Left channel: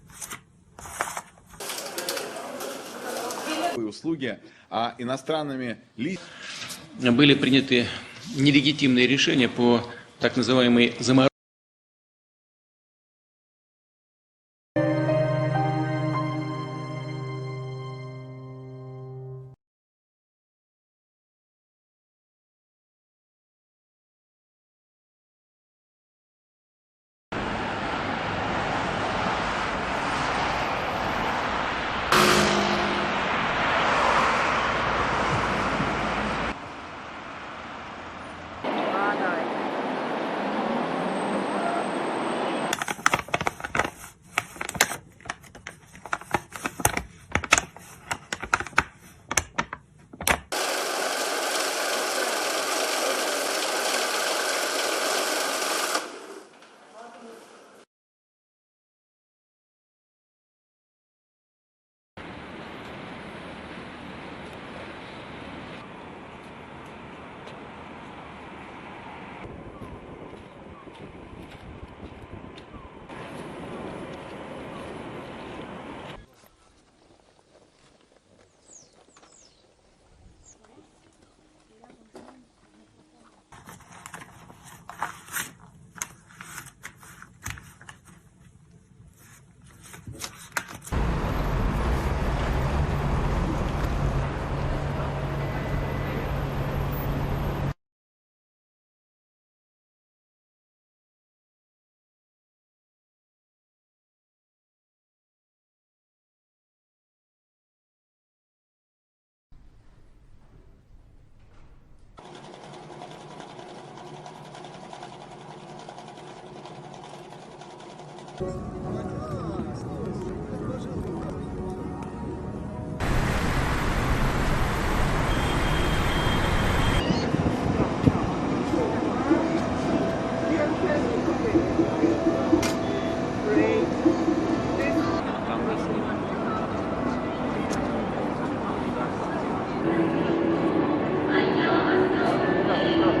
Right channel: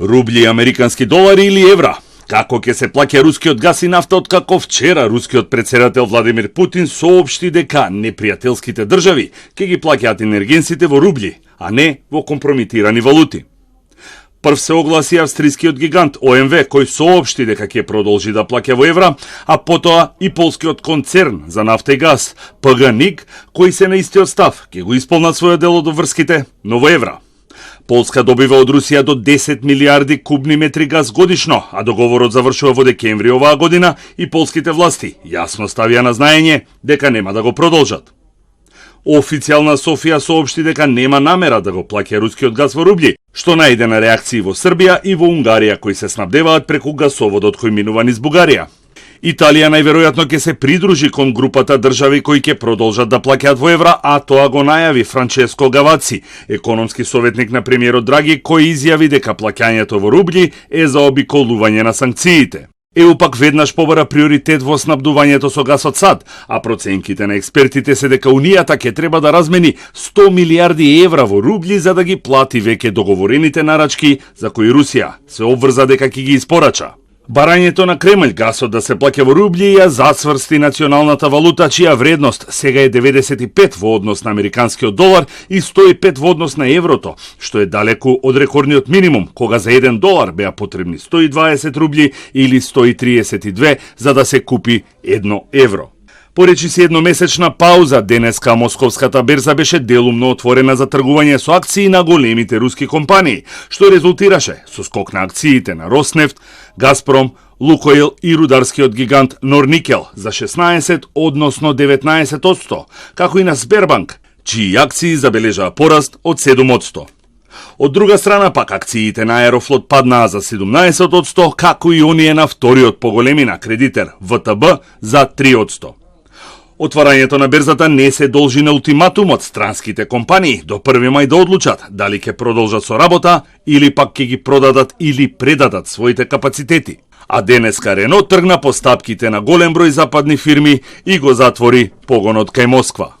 Рубли, американски долари или евра? Како ќе се плаќа рускиот газ и нафта откако вчера рускиот председател Владимир Путин соопшти дека непријателските држави ќе ги плаќаат енергенсите во рубли, а не во компрометирани валути. Прв се огласи австрискиот гигант ОМВ, кој соопшти дека ќе продолжи да плаќа во евра, а потоа и полскиот концерн за нафта и газ, ПГНИГ, кои се на истиот став, ќе го исполнат својот дел од врските, но во евра. Полска добива од Русија до 10 милиарди кубни метри газ годишно, а договорот завршува во декември оваа година и полските власти јасно ставија на знаење дека нема да го продолжат. Официјална Софија соопшти дека нема намера да го плаќа рускиот газ во рубли, што најде на реакции во Србија и во Унгарија кои се снабдеваат преку гасоводот кој минува низ Бугарија. Италија најверојатно ќе се придружи кон групата држави кои ќе продолжат да плаќаат во евра, а тоа го најави Франческо Гаваци, економски советник на премиерот Драги, кој изјави дека плаќањето во рубли е заобиколување на санкциите. ЕУ пак веднаш побара приоритет во снабдувањето со газ од САД, а проценките на експертите се дека Унијата ќе треба да размени 100 милиарди евра во рубли за да ги плати веќе договорените нарачки за кои Русија се обврза дека ќе ги испорача. Барањето на Кремљ гасот да се плаќа во рубли ја зацврсти националната валута, чија вредност сега е 95 во однос на американскиот долар и 105 во однос на еврото, што е далеку од рекордниот минимум, кога за $1 беа потребни 120 рубли или 132 за да се купи 1 евро. Поречи се едномесечна пауза, денеска московската берза беше делумно отворена за тргување со акции на големите руски компании, што резултираше со скок на акциите на Роснефт, Газпром, Лукойл и рударскиот гигант Норникел за 16, односно 19%, како и на Сбербанк, чии акции забележаа пораст од 7%. Од друга страна пак акциите на Аерофлот паднаа за 17%, како и оние на вториот по големина кредитер ВТБ за 3%. Отварањето на берзата не се должи на ултиматум од странските компании до 1 мај да одлучат дали ќе продолжат со работа или пак ќе ги продадат или предадат своите капацитети. А денеска Рено тргна по стапките на голем број западни фирми и го затвори погонот кај Москва.